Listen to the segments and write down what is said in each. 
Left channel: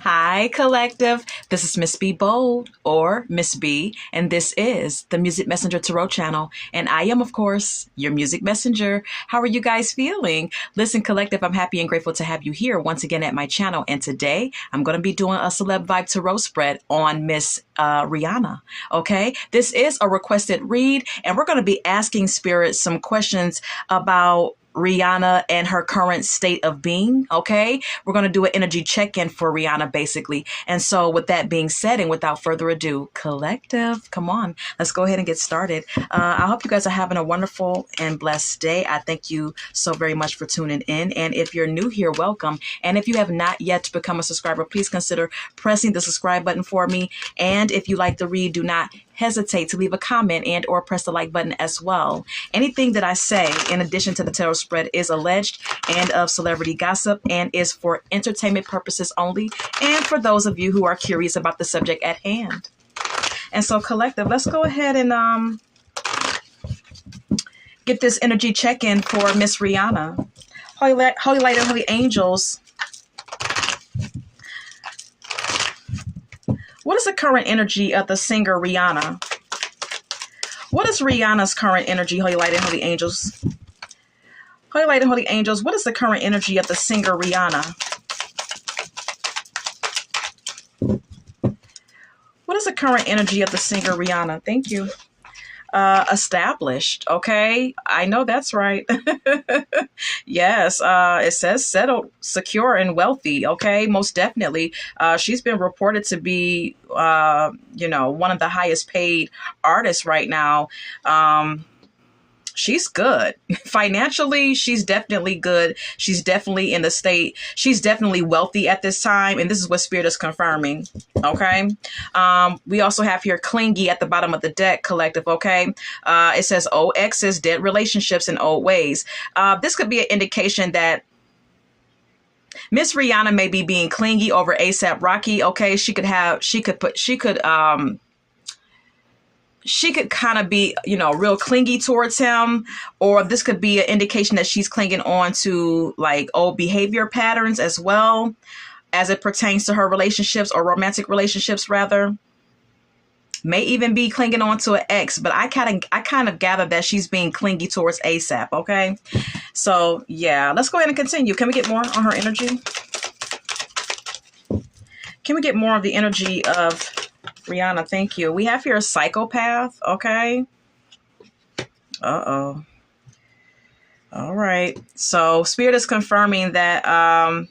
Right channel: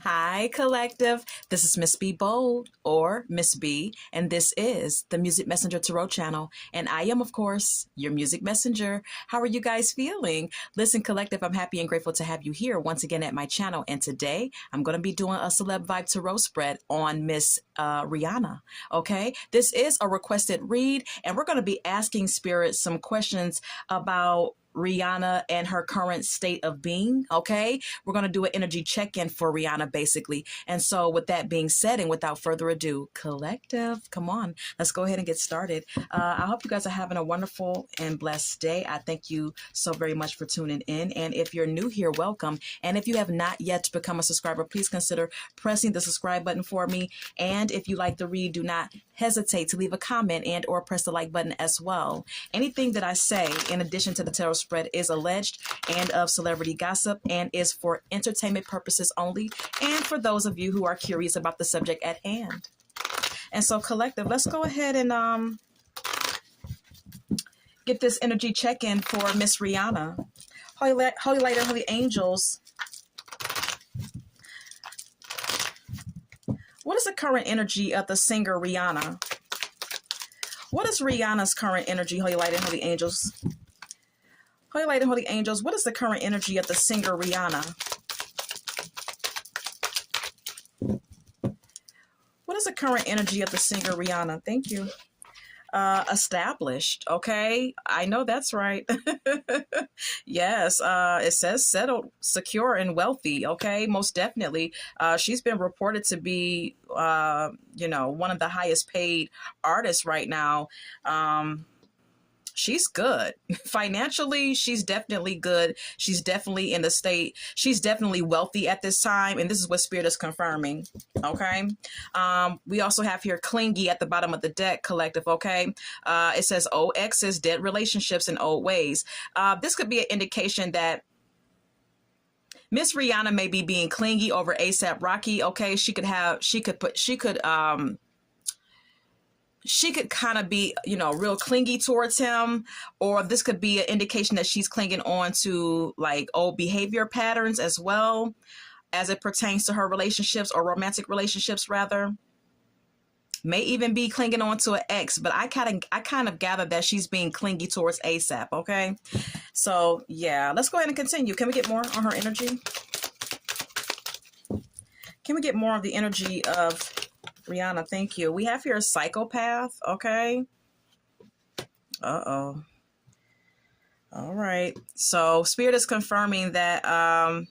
Hi, collective. This is Miss B Bold or Miss B, and this is the Music Messenger Tarot channel. And I am, of course, your music messenger. How are you guys feeling? Listen, collective, I'm happy and grateful to have you here once again at my channel. And today I'm going to be doing a Celeb Vibe Tarot spread on Miss Rihanna. Okay, this is a requested read, and we're going to be asking Spirit some questions about Rihanna and her current state of being. Okay, we're going to do an energy check-in for Rihanna basically. And so with that being said, and without further ado, collective, come on, let's go ahead and get started. I hope you guys are having a wonderful and blessed day. I thank you so very much for tuning in, and if you're new here, welcome. And if you have not yet become a subscriber, please consider pressing the subscribe button for me. And if you like the read, do not hesitate to leave a comment and or press the like button as well. Anything that I say in addition to the tarot spread is alleged and of celebrity gossip and is for entertainment purposes only, and for those of you who are curious about the subject at hand. And so, collective, let's go ahead and get this energy check-in for Miss Rihanna. Holy Light and Holy Angels, what is the current energy of the singer Rihanna? What is Rihanna's current energy, Holy Light and Holy Angels? Holy Light and Holy Angels, what is the current energy of the singer Rihanna? What is the current energy of the singer Rihanna? Thank you. Established. Okay, I know that's right. Yes, it says settled, secure, and wealthy. Okay, most definitely. She's been reported to be, one of the highest paid artists right now. She's good. Financially, she's definitely good. She's definitely in the state. She's definitely wealthy at this time. And this is what Spirit is confirming. Okay. We also have here clingy at the bottom of the deck, collective. Okay. It says old exes, dead relationships, and old ways. This could be an indication that Miss Rihanna may be being clingy over ASAP Rocky. Okay. She could kind of be, real clingy towards him, or this could be an indication that she's clinging on to like old behavior patterns as well as it pertains to her relationships, or romantic relationships rather. May even be clinging on to an ex, but I kind of gather that she's being clingy towards ASAP. Okay. So yeah, let's go ahead and continue. Can we get more on her energy? Can we get more of the energy of Rihanna? Thank you. We have here a psychopath. Okay. Uh-oh. All right. So Spirit is confirming that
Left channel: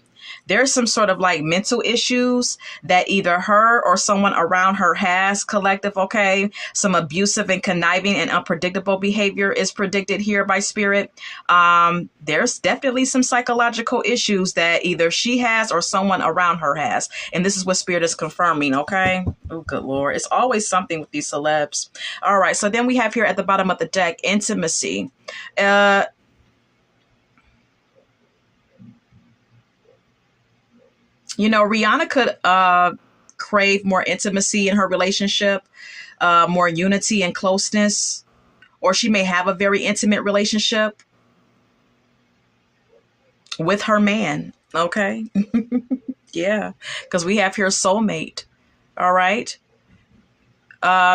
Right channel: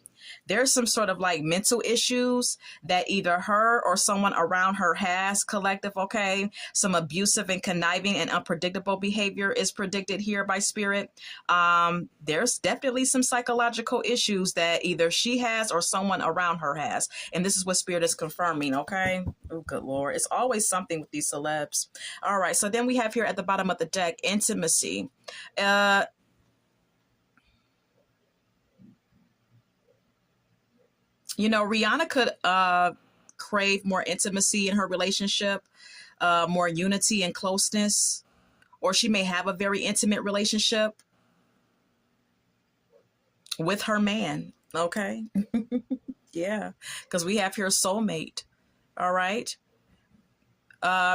there's some sort of like mental issues that either her or someone around her has, collective. Okay. Some abusive and conniving and unpredictable behavior is predicted here by Spirit. There's definitely some psychological issues that either she has or someone around her has. And this is what Spirit is confirming. Okay. Oh, good Lord. It's always something with these celebs. All right. So then we have here at the bottom of the deck, intimacy. Rihanna could crave more intimacy in her relationship, more unity and closeness, or she may have a very intimate relationship with her man. Okay. Yeah, because we have here soulmate. All right.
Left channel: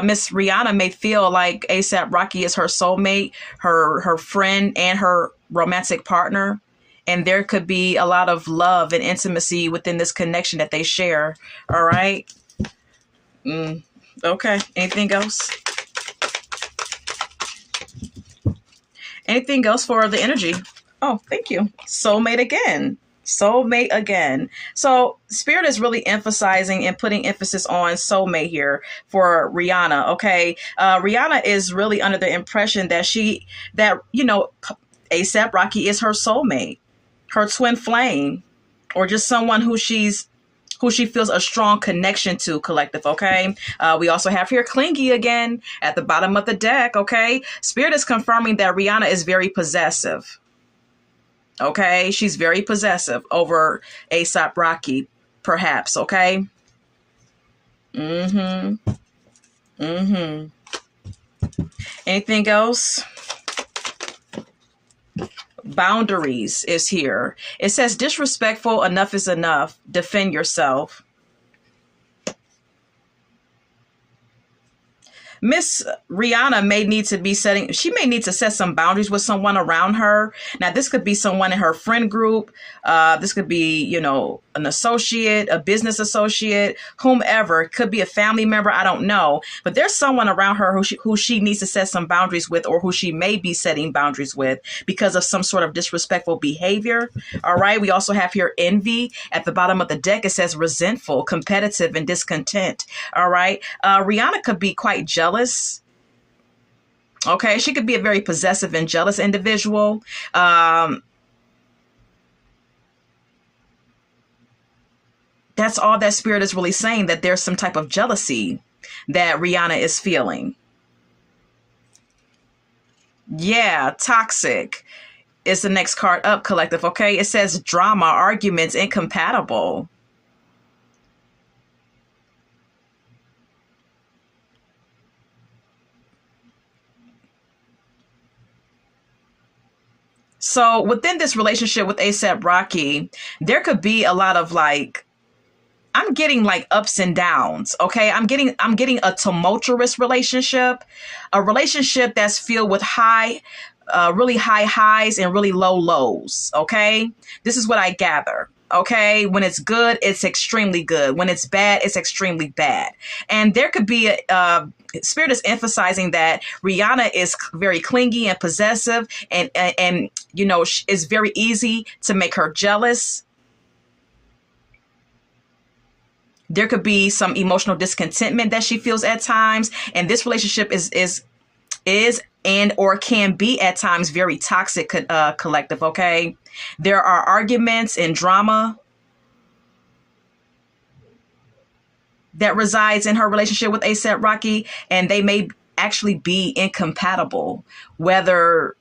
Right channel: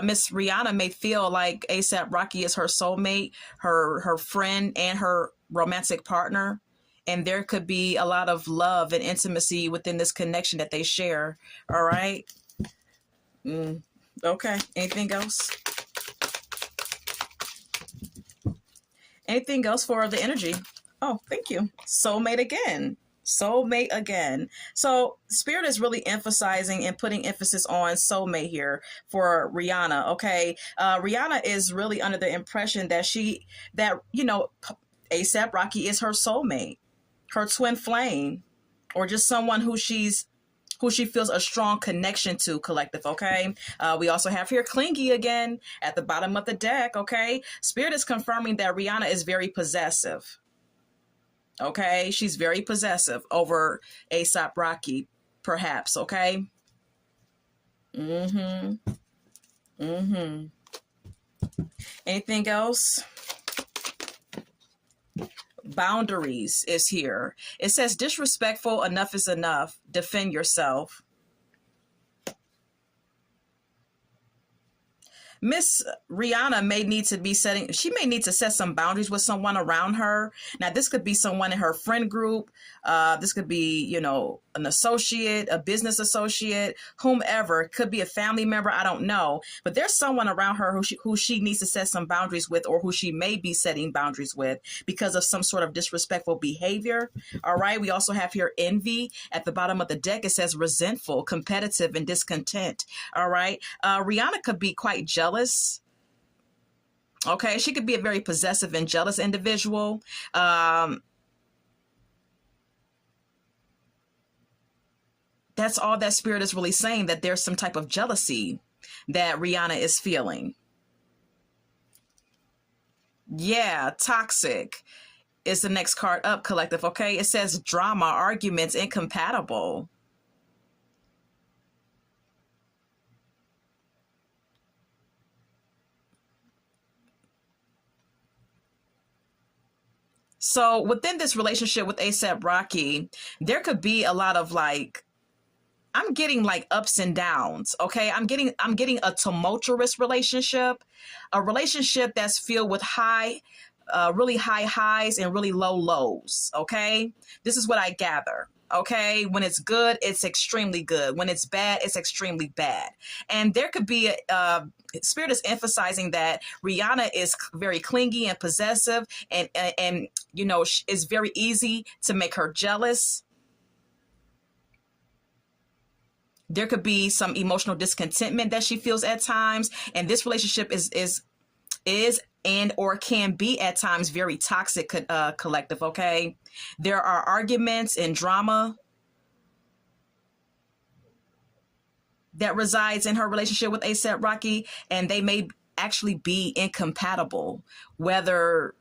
Miss Rihanna may feel like ASAP Rocky is her soulmate, her friend, and her romantic partner. And there could be a lot of love and intimacy within this connection that they share. All right. Okay. Anything else? Anything else for the energy? Oh, thank you. Soulmate again. Soulmate again. So Spirit is really emphasizing and putting emphasis on soulmate here for Rihanna. Okay. Rihanna is really under the impression that ASAP Rocky is her soulmate, her twin flame, or just someone who she feels a strong connection to, collective. Okay. We also have here clingy again at the bottom of the deck. Okay. Spirit is confirming that Rihanna is very possessive. Okay. She's very possessive over ASAP Rocky, perhaps. Okay. Anything else? Boundaries is here. It says disrespectful, enough is enough. Defend yourself. Miss Rihanna may need to be setting, she may need to set some boundaries with someone around her. Now, this could be someone in her friend group. This could be, an associate, a business associate, whomever. It could be a family member. I don't know. But there's someone around her who she needs to set some boundaries with, or who she may be setting boundaries with because of some sort of disrespectful behavior. All right. We also have here envy. At the bottom of the deck, it says resentful, competitive, and discontent. All right. Rihanna could be quite jealous. Okay, she could be a very possessive and jealous individual. That's all that spirit is really saying, that there's some type of jealousy that Rihanna is feeling. Yeah, toxic is the next card up, collective. Okay, it says drama, arguments, incompatible. So within this relationship with ASAP Rocky, there could be a lot of like, I'm getting like ups and downs. Okay. I'm getting a tumultuous relationship, a relationship that's filled with really high highs and really low lows. Okay. This is what I gather. Okay. When it's good, it's extremely good. When it's bad, it's extremely bad. And there could be Spirit is emphasizing that Rihanna is very clingy and possessive, and it's very easy to make her jealous. There could be some emotional discontentment that she feels at times, and this relationship is and or can be at times very toxic, collective. Okay, there are arguments and drama that resides in her relationship with ASAP Rocky, and they may actually be incompatible, whether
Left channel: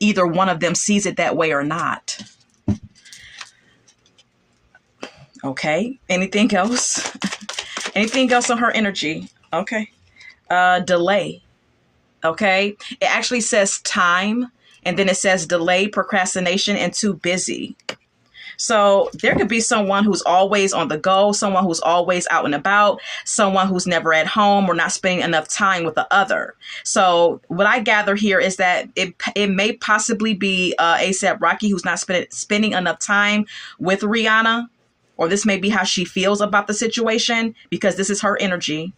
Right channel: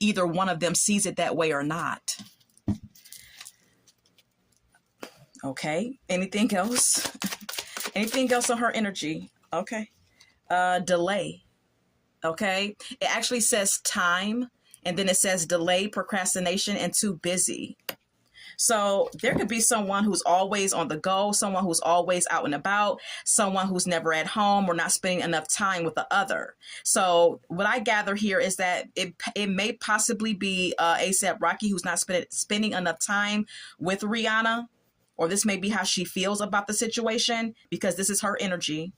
either one of them sees it that way or not. Okay, anything else? Anything else on her energy? Okay. Delay. Okay, it actually says time, and then it says delay, procrastination, and too busy. So there could be someone who's always on the go, someone who's always out and about, someone who's never at home or not spending enough time with the other. So what I gather here is that it may possibly be ASAP Rocky who's not spending enough time with Rihanna, or this may be how she feels about the situation, because this is her energy,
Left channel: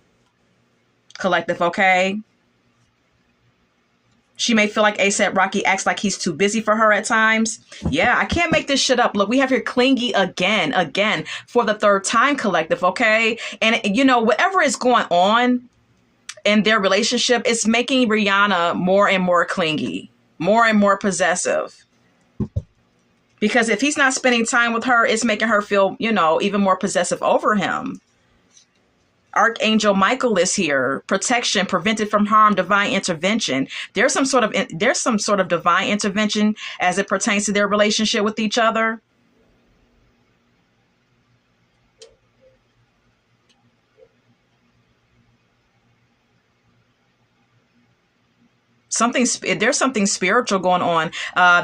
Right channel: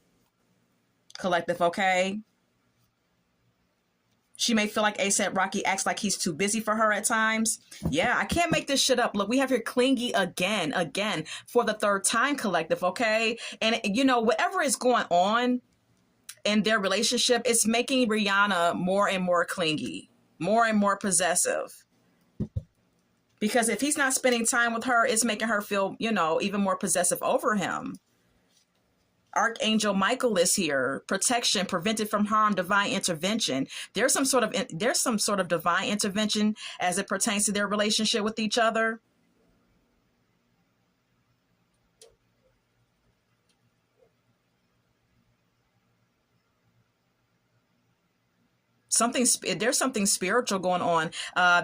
collective. Okay. She may feel like ASAP Rocky acts like he's too busy for her at times. Yeah, I can't make this shit up. Look, we have here clingy again, for the third time, collective, okay? And, whatever is going on in their relationship, it's making Rihanna more and more clingy, more and more possessive. Because if he's not spending time with her, it's making her feel, even more possessive over him. Archangel Michael is here. Protection, prevented from harm, divine intervention. There's some sort of divine intervention as it pertains to their relationship with each other. There's something spiritual going on.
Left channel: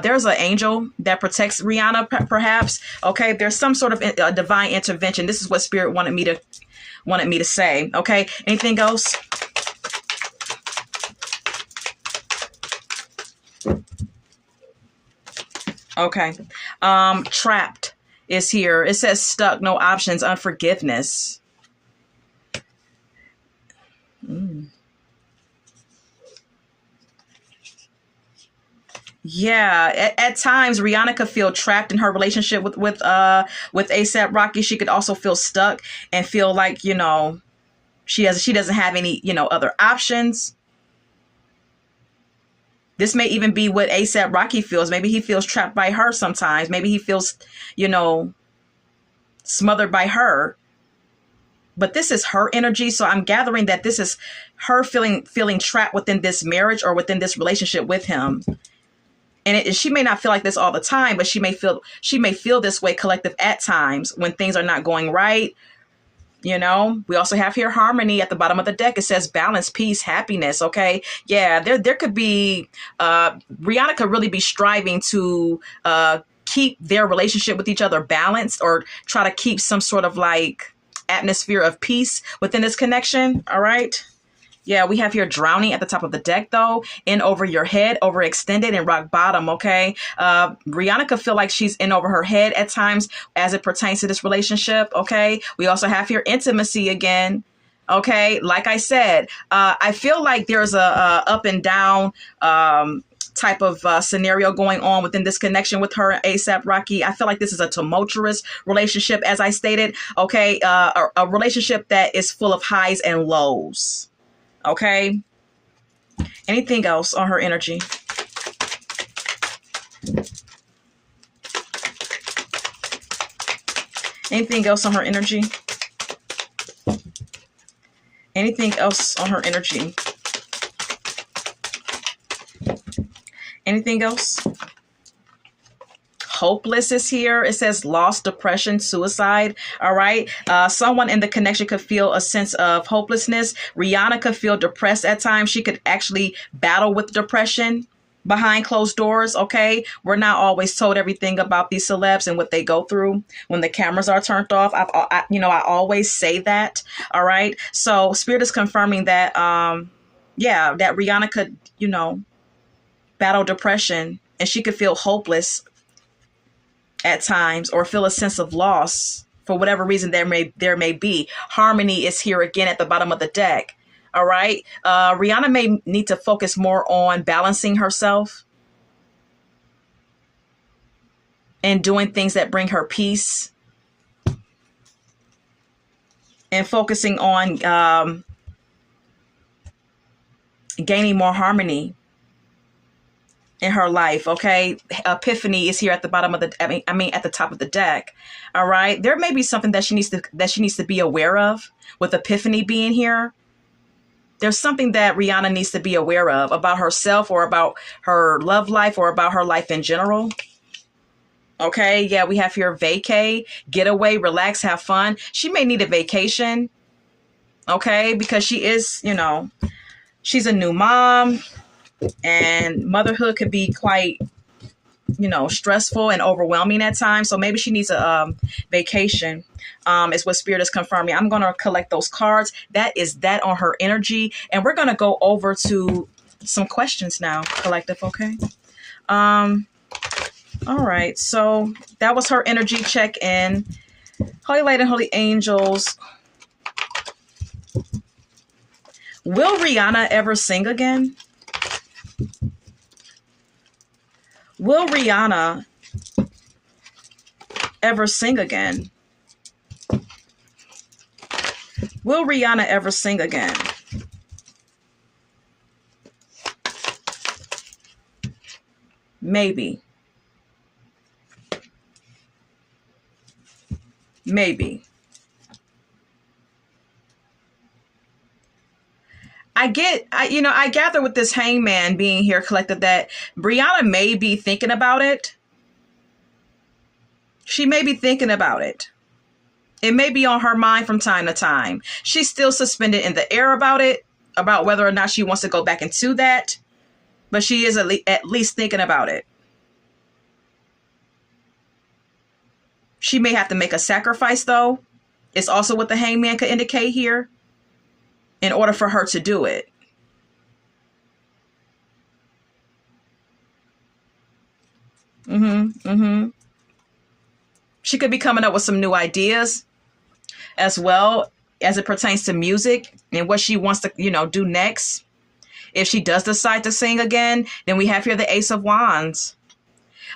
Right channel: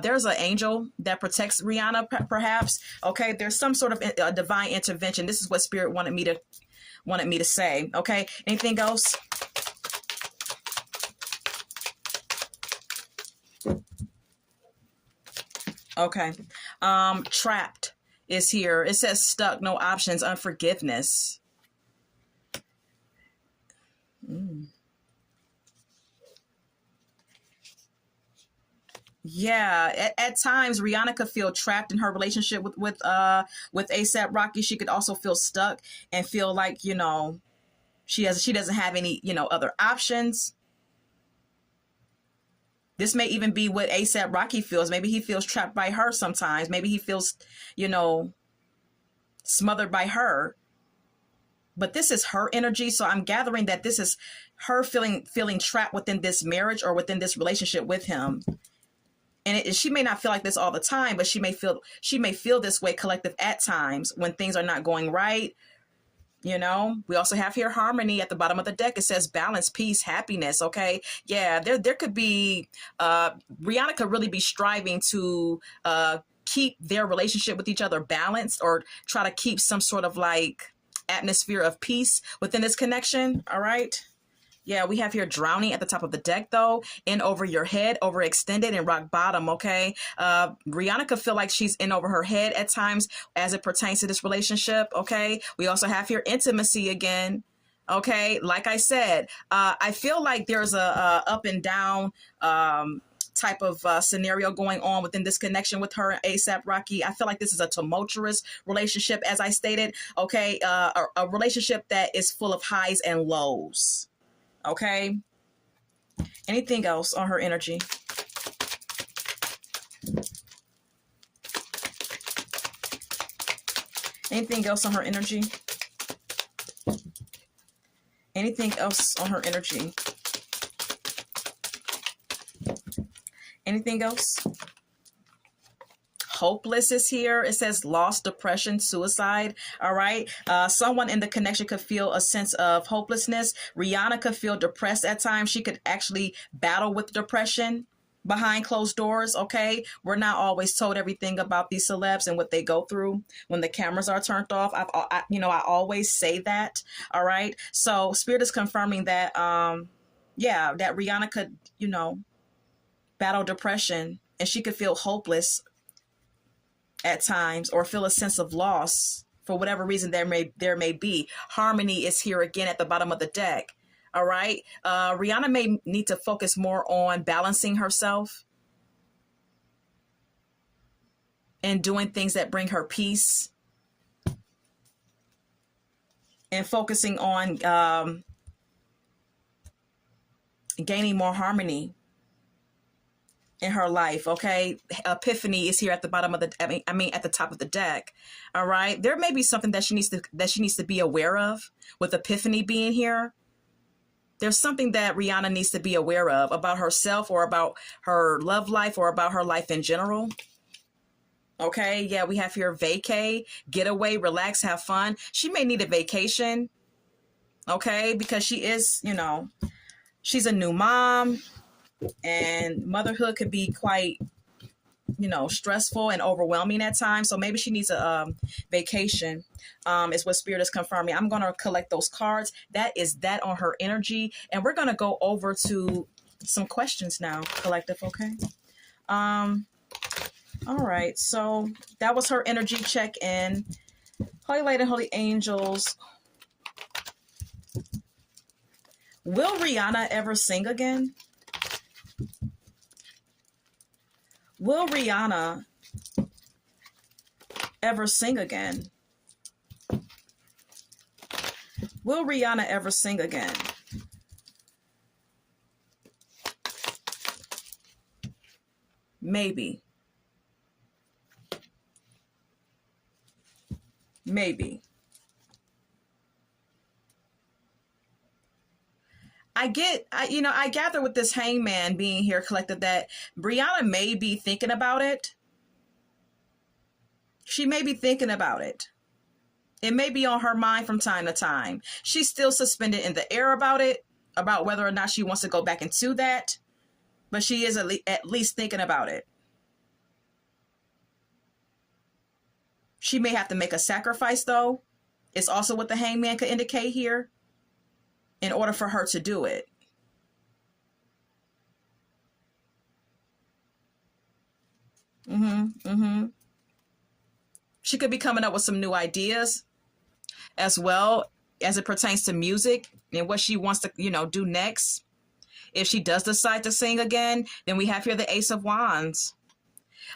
There's an angel that protects Rihanna, perhaps. Okay, there's some sort of divine intervention. This is what Spirit wanted me to say. Okay, anything else? Okay, trapped is here. It says stuck, no options, unforgiveness. Yeah, at times Rihanna could feel trapped in her relationship with ASAP Rocky. She could also feel stuck and feel like she doesn't have any other options. This may even be what ASAP Rocky feels. Maybe he feels trapped by her sometimes. Maybe he feels smothered by her. But this is her energy, so I'm gathering that this is her feeling trapped within this marriage or within this relationship with him. And she may not feel like this all the time, but she may feel this way, collective, at times when things are not going right. We also have here harmony at the bottom of the deck. It says balance, peace, happiness. Okay. Yeah. There could be, Rihanna could really be striving to, keep their relationship with each other balanced, or try to keep some sort of like atmosphere of peace within this connection. All right. Yeah, we have here drowning at the top of the deck, though, in over your head, overextended, and rock bottom, okay? Rihanna could feel like she's in over her head at times as it pertains to this relationship, okay? We also have here intimacy again, okay? Like I said, I feel like there's a up and down type of scenario going on within this connection with her and ASAP Rocky. I feel like this is a tumultuous relationship, as I stated, okay? A relationship that is full of highs and lows. Okay. Anything else on her energy? Anything else on her energy? Anything else on her energy? Anything else? Hopeless is here. It says loss, depression, suicide. All right. Someone in the connection could feel a sense of hopelessness. Rihanna could feel depressed at times. She could actually battle with depression behind closed doors. Okay. We're not always told everything about these celebs and what they go through when the cameras are turned off. I always say that. All right. So Spirit is confirming that, that Rihanna could, battle depression, and she could feel hopeless at times, or feel a sense of loss for whatever reason there may be. Harmony is here again at the bottom of the deck. All right. Rihanna may need to focus more on balancing herself and doing things that bring her peace, and focusing on gaining more harmony in her life. Okay. Epiphany is here at the bottom of at the top of the deck. All right. There may be something that she needs to be aware of, with Epiphany being here. There's something that Rihanna needs to be aware of about herself, or about her love life, or about her life in general. Okay. Yeah. We have here vacay, getaway, relax, have fun. She may need a vacation. Okay. Because she is, she's a new mom. And motherhood could be quite, stressful and overwhelming at times. So maybe she needs a vacation, is what Spirit is confirming. I'm going to collect those cards. That is that on her energy. And we're going to go over to some questions now, collective, okay? All right. So that was her energy check-in. Holy Light and Holy Angels. Will Rihanna ever sing again? Will Rihanna ever sing again? Will Rihanna ever sing again? Maybe. Maybe. I gather with this hangman being here, collective, that Brianna may be thinking about it. She may be thinking about it. It may be on her mind from time to time. She's still suspended in the air about it, about whether or not she wants to go back into that. But she is at least thinking about it. She may have to make a sacrifice, though. It's also what the hangman could indicate here, in order for her to do it. She could be coming up with some new ideas as well, as it pertains to music and what she wants to, do next. If she does decide to sing again, then we have here the Ace of Wands.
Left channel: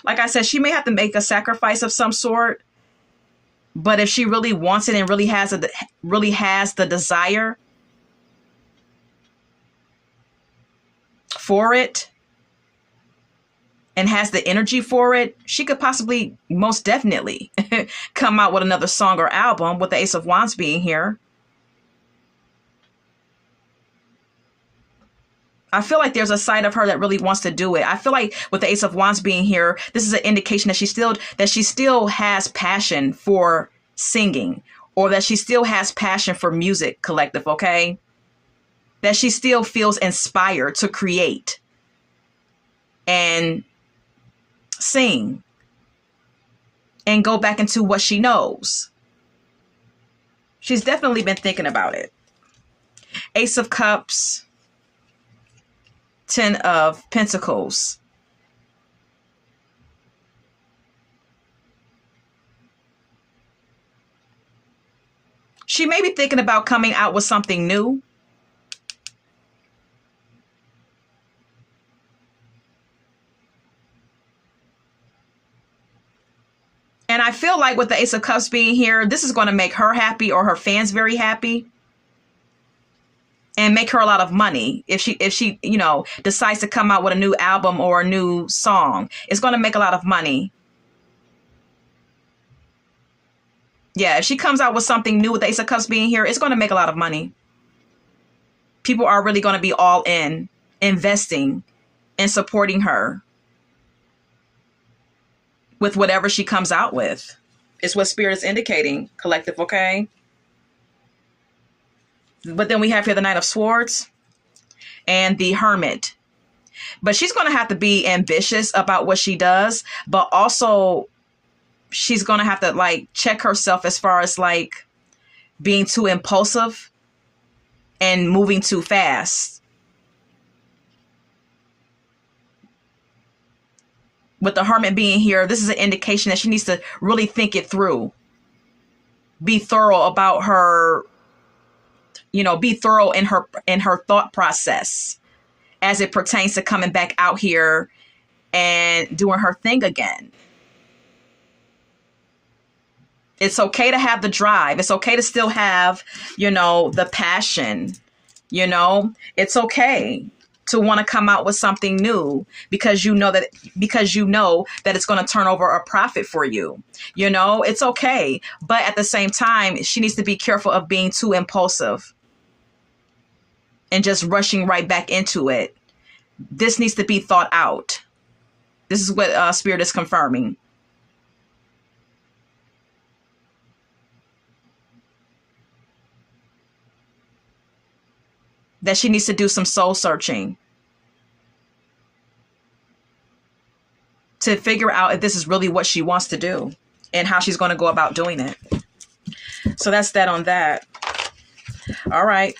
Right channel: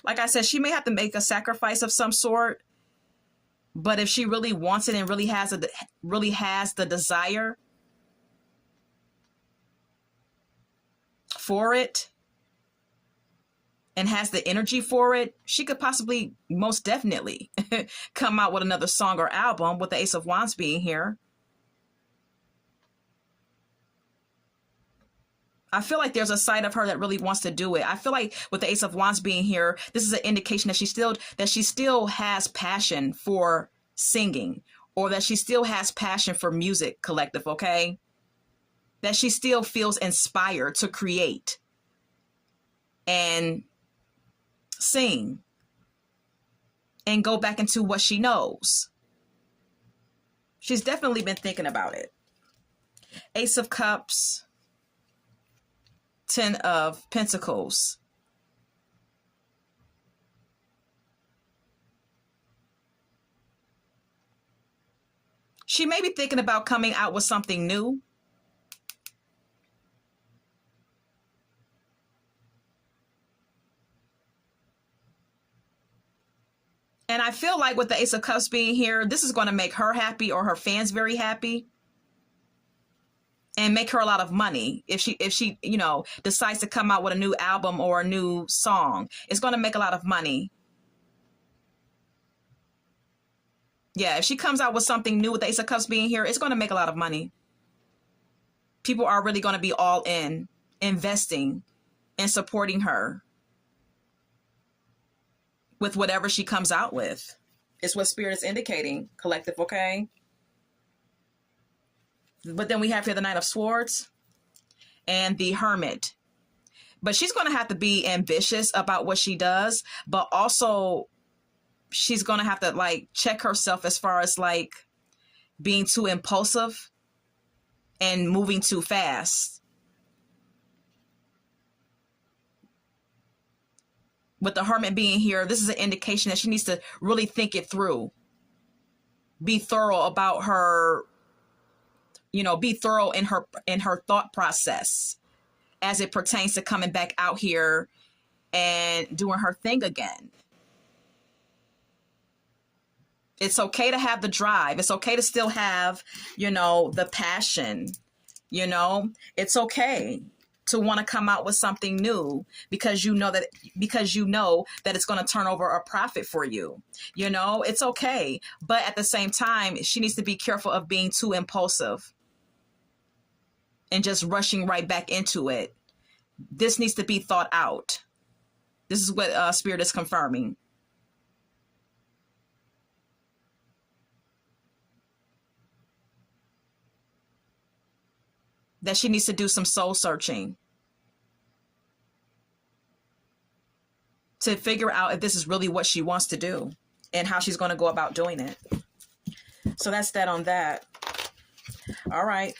Like I said, she may have to make a sacrifice of some sort. But if she really wants it and really has the desire for it and has the energy for it, she could possibly, most definitely, come out with another song or album, with the Ace of Wands being here. I feel like there's a side of her that really wants to do it. I feel like with the Ace of Wands being here, this is an indication that she still has passion for singing, or that she still has passion for music, collective, okay? That she still feels inspired to create and sing and go back into what she knows. She's definitely been thinking about it. Ace of Cups, Ten of Pentacles. She may be thinking about coming out with something new. And I feel like with the Ace of Cups being here, this is going to make her happy, or her fans very happy, and make her a lot of money. If she, you know, decides to come out with a new album or a new song, it's going to make a lot of money. Yeah, if she comes out with something new with the Ace of Cups being here, it's going to make a lot of money. People are really going to be all in, investing and supporting her with whatever she comes out with. It's what Spirit is indicating, collective, okay? But then we have here the Knight of Swords and the Hermit. But she's going to have to be ambitious about what she does, but also she's going to have to like check herself as far as like being too impulsive and moving too fast. With the Hermit being here, this is an indication that she needs to really think it through. Be thorough about her, you know, be thorough in her thought process as it pertains to coming back out here and doing her thing again. It's okay to have the drive. It's okay to still have, you know, the passion, you know, it's okay to want to come out with something new because you know that it's going to turn over a profit for you. You know, it's okay. But at the same time, she needs to be careful of being too impulsive and just rushing right back into it. This needs to be thought out. This is what Spirit is confirming. That she needs to do some soul searching to figure out if this is really what she wants to do and how she's going to go about doing it. So that's that on that. All right.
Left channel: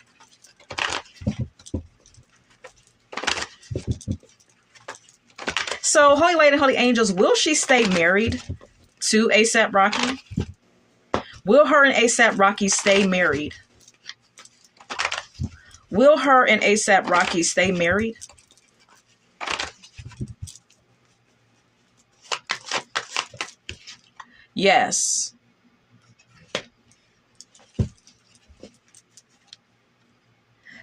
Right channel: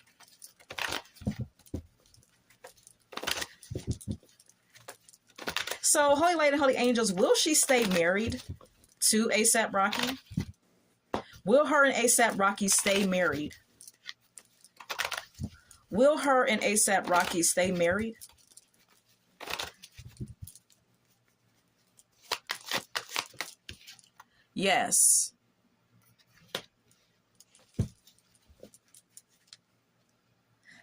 So Holy Lady, Holy Angels, will she stay married to A$AP Rocky? Will her and A$AP Rocky stay married? Will her and A$AP Rocky stay married? Yes.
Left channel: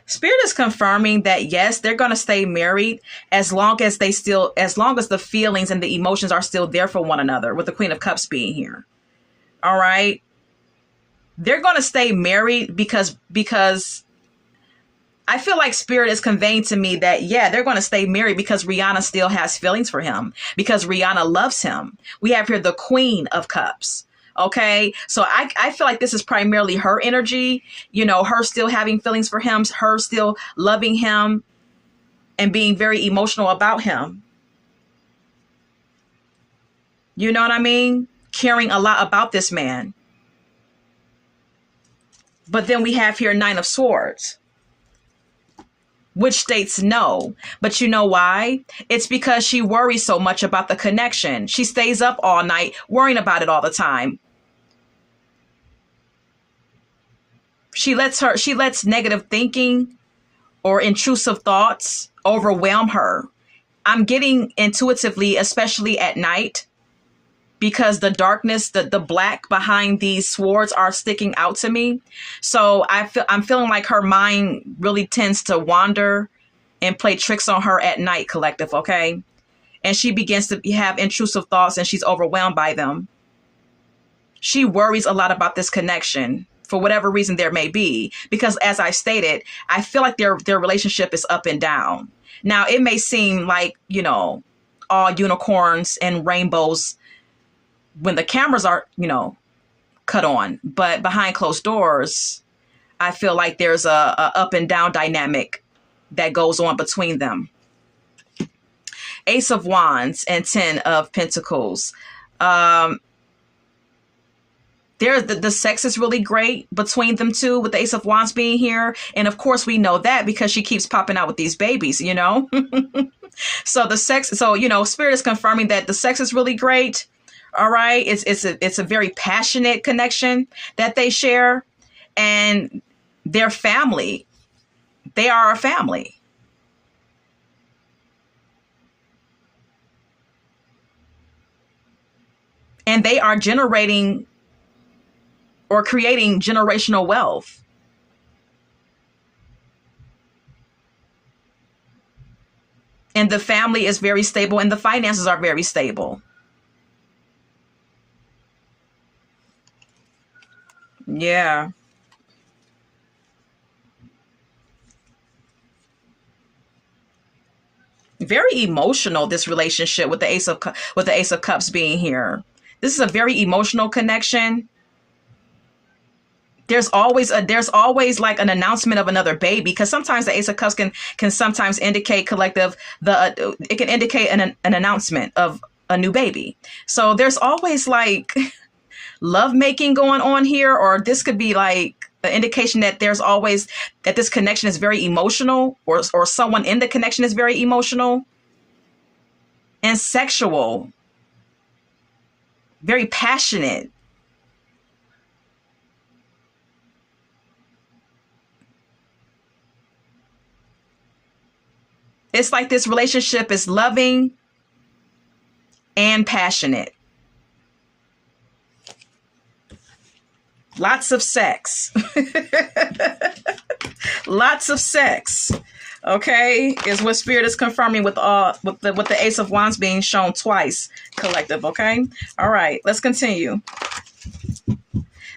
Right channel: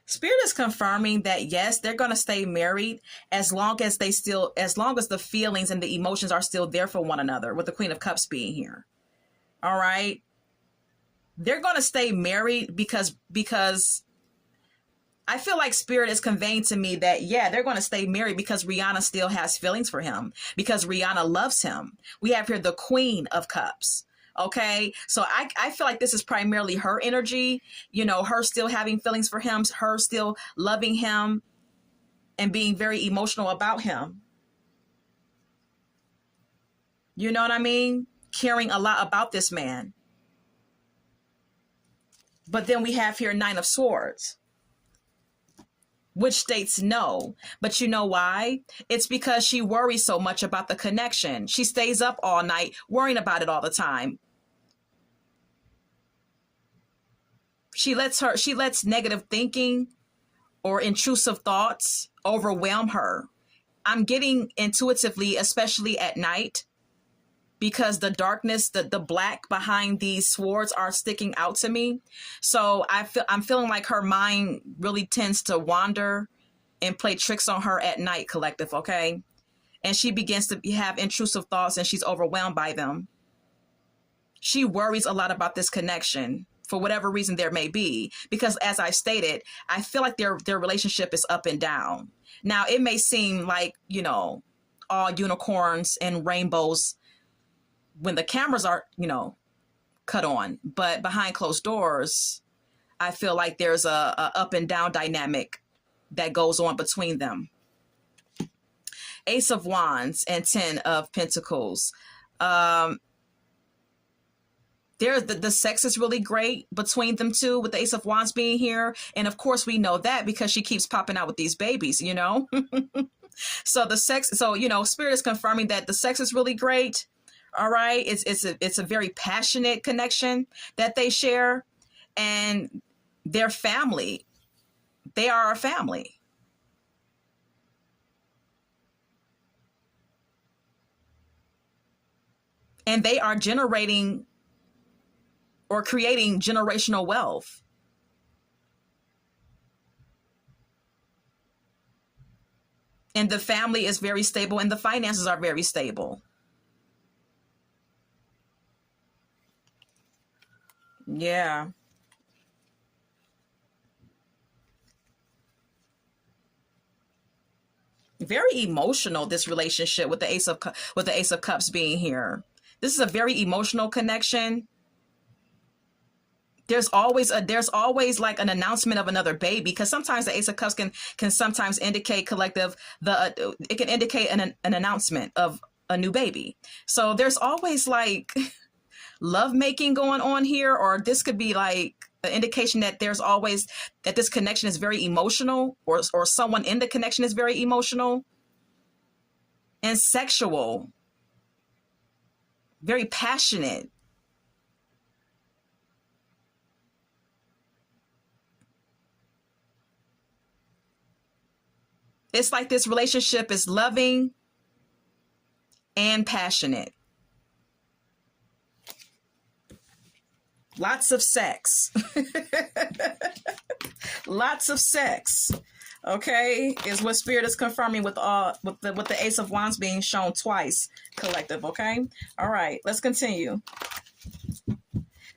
Spirit is confirming that yes, they're going to stay married as long as the feelings and the emotions are still there for one another, with the Queen of Cups being here. All right. They're going to stay married because I feel like Spirit is conveying to me that, yeah, they're going to stay married because Rihanna still has feelings for him, because Rihanna loves him. We have here the Queen of Cups. Okay. So I feel like this is primarily her energy, you know, her still having feelings for him, her still loving him and being very emotional about him. You know what I mean? Caring a lot about this man. But then we have here Nine of Swords, which states no. But you know why? It's because she worries so much about the connection. She stays up all night worrying about it all the time. She lets negative thinking or intrusive thoughts overwhelm her. I'm getting intuitively, especially at night, because the darkness, the black behind these swords are sticking out to me. So I'm feeling like her mind really tends to wander and play tricks on her at night, collective, okay? And she begins to have intrusive thoughts and she's overwhelmed by them. She worries a lot about this connection for whatever reason there may be, because as I stated, I feel like their relationship is up and down. Now, it may seem like, you know, all unicorns and rainbows when the cameras are, you know, cut on, but behind closed doors, I feel like there's a up and down dynamic that goes on between them. Ace of Wands and 10 of Pentacles. The sex is really great between them two, with the Ace of Wands being here. And of course we know that because she keeps popping out with these babies, you know? So the sex, so, you know, Spirit is confirming that the sex is really great. All right. It's a very passionate connection that they share, and their family, they are a family. And they are generating or creating generational wealth. And the family is very stable and the finances are very stable. Yeah. Very emotional, this relationship with the Ace of Cups being here. This is a very emotional connection. There's always like an announcement of another baby, because sometimes the Ace of Cups can sometimes indicate collective, it can indicate an announcement of a new baby. So there's always like love making going on here, or this could be like an indication that there's always that this connection is very emotional, or someone in the connection is very emotional and sexual, very passionate. It's like this relationship is loving and passionate. Lots of sex. Lots of sex. Okay, is what Spirit is confirming with the Ace of Wands being shown twice, collective. Okay, all right, let's continue.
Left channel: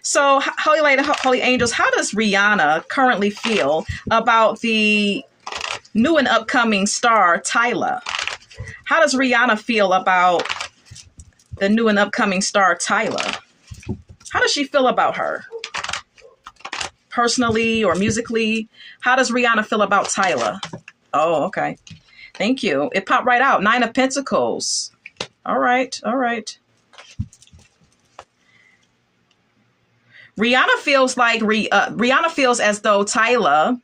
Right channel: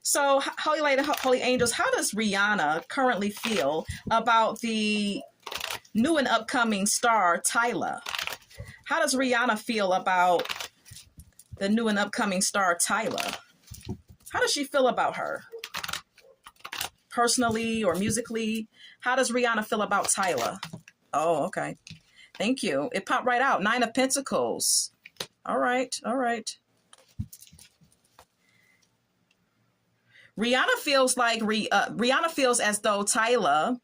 So, Holy Lady, Holy Angels, how does Rihanna currently feel about the new and upcoming star Tyla? How does Rihanna feel about the new and upcoming star Tyla? How does she feel about her? Personally or musically? How does Rihanna feel about Tyla? Oh, okay. Thank you. It popped right out. 9 of Pentacles. All right. All right. Rihanna feels as though Tyla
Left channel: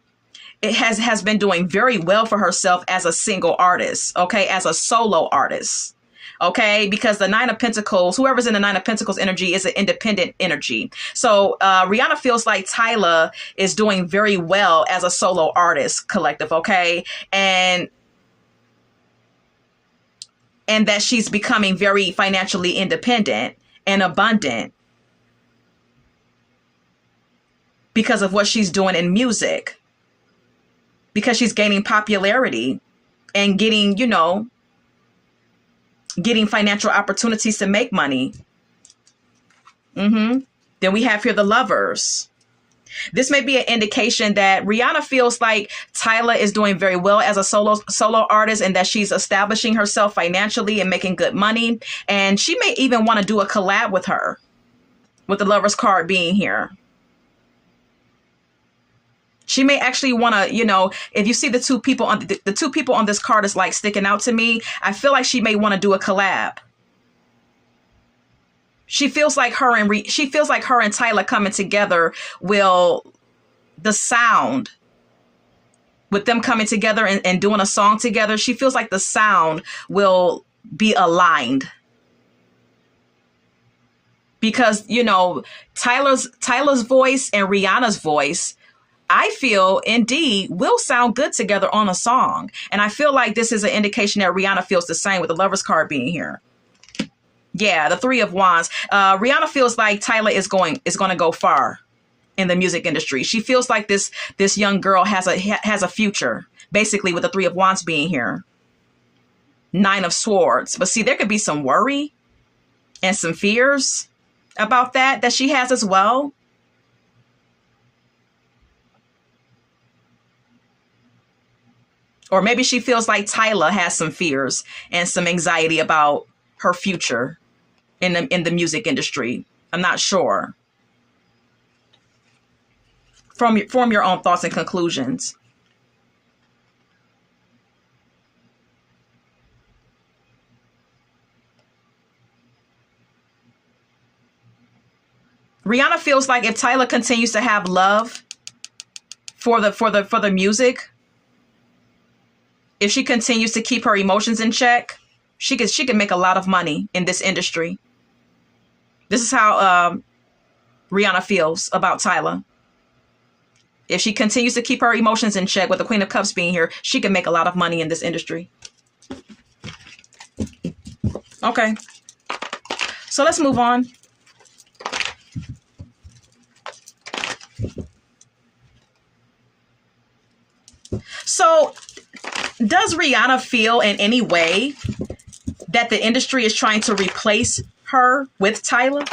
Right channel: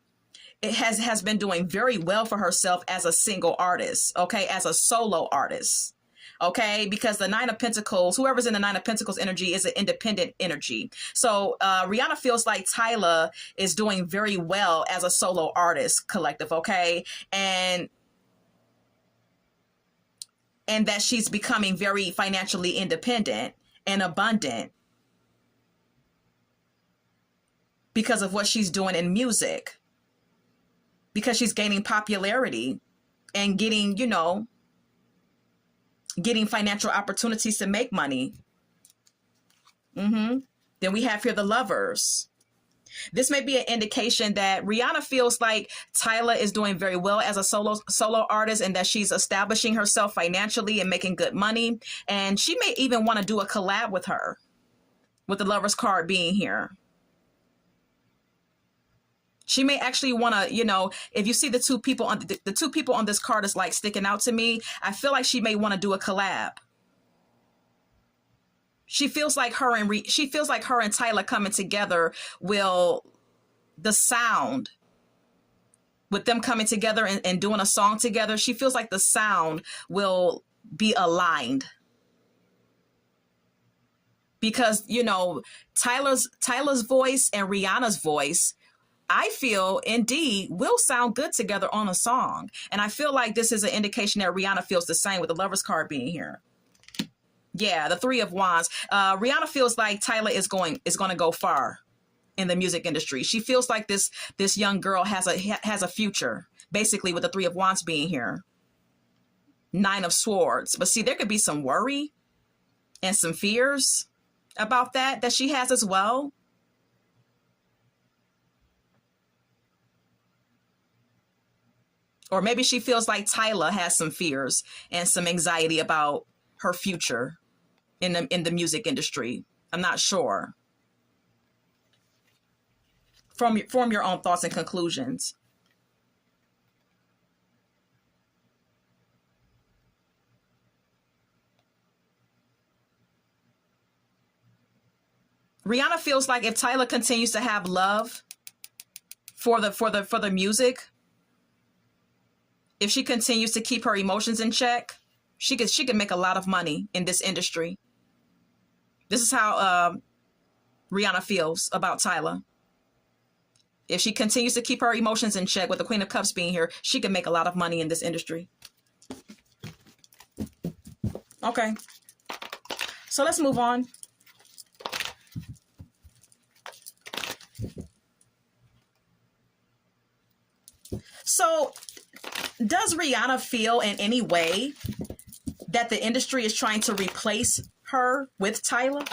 has been doing very well for herself as a single artist, okay, as a solo artist, okay, because the 9 of Pentacles, whoever's in the 9 of Pentacles energy is an independent energy. So Rihanna feels like Tyla is doing very well as a solo artist, collective, okay, and that she's becoming very financially independent and abundant because of what she's doing in music, because she's gaining popularity and getting financial opportunities to make money. Then we have here the Lovers. This may be an indication that Rihanna feels like Tyla is doing very well as a solo artist, and that she's establishing herself financially and making good money. And she may even want to do a collab with her, with the Lovers card being here. She may actually want to, if you see the two people on this card is like sticking out to me, I feel like she may want to do a collab. She feels like her and Tyla coming together the sound with them coming together and doing a song together. She feels like the sound will be aligned. Because, Tyla's voice and Rihanna's voice, I feel indeed will sound good together on a song. And I feel like this is an indication that Rihanna feels the same with the Lovers card being here. Yeah, the 3 of Wands. Rihanna feels like Tyla is going to go far in the music industry. She feels like this young girl has a future, basically, with the 3 of Wands being here. 9 of Swords. But see, there could be some worry and some fears about that she has as well. Or maybe she feels like Tyla has some fears and some anxiety about her future in the music industry. I'm not sure. Form your own thoughts and conclusions. Rihanna feels like if Tyler continues to have love for the music, if she continues to keep her emotions in check, she could make a lot of money in this industry. This is how Rihanna feels about Tyler. If she continues to keep her emotions in check, with the Queen of Cups being here, she can make a lot of money in this industry. Okay. So let's move on. So does Rihanna feel in any way that the industry is trying to replace her with Tyler?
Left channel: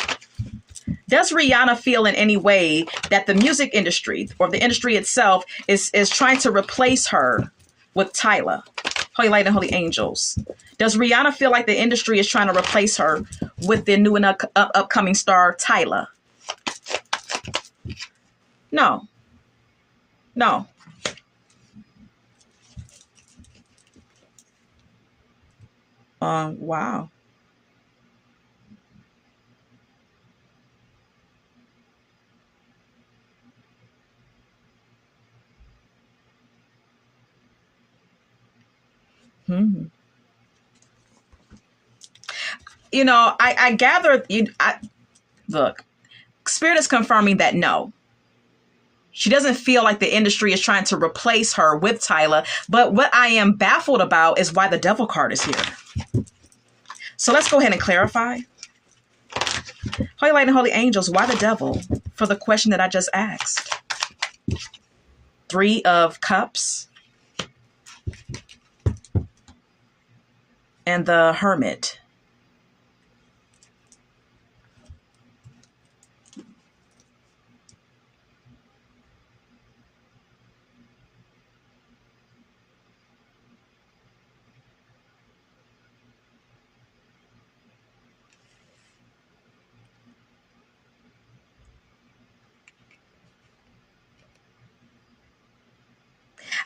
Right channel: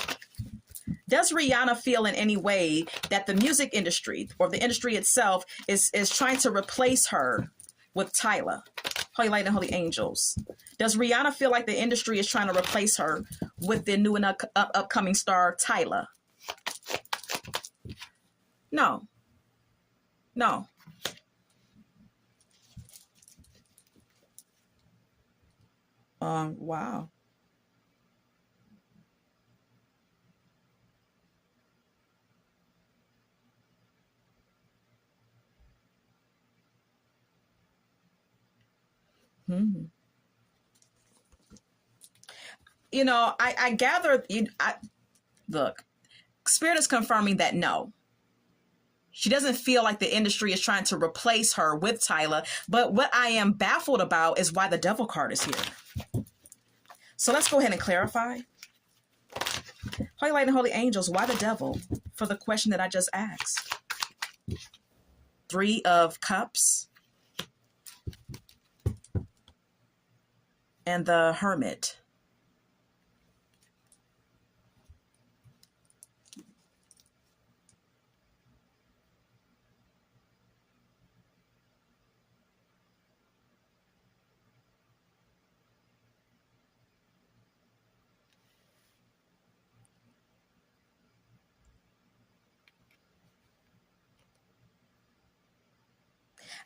Does Rihanna feel in any way that the music industry or the industry itself is trying to replace her with Tyler? Holy Light and Holy Angels. Does Rihanna feel like the industry is trying to replace her with the new and upcoming star Tyler? No. No. Wow. Hmm. You know, I gather, look, Spirit is confirming that no. She doesn't feel like the industry is trying to replace her with Tyler. But what I am baffled about is why the devil card is here. So let's go ahead and clarify. Holy Light and Holy Angels, why the devil? For the question that I just asked. 3 of Cups. And the Hermit.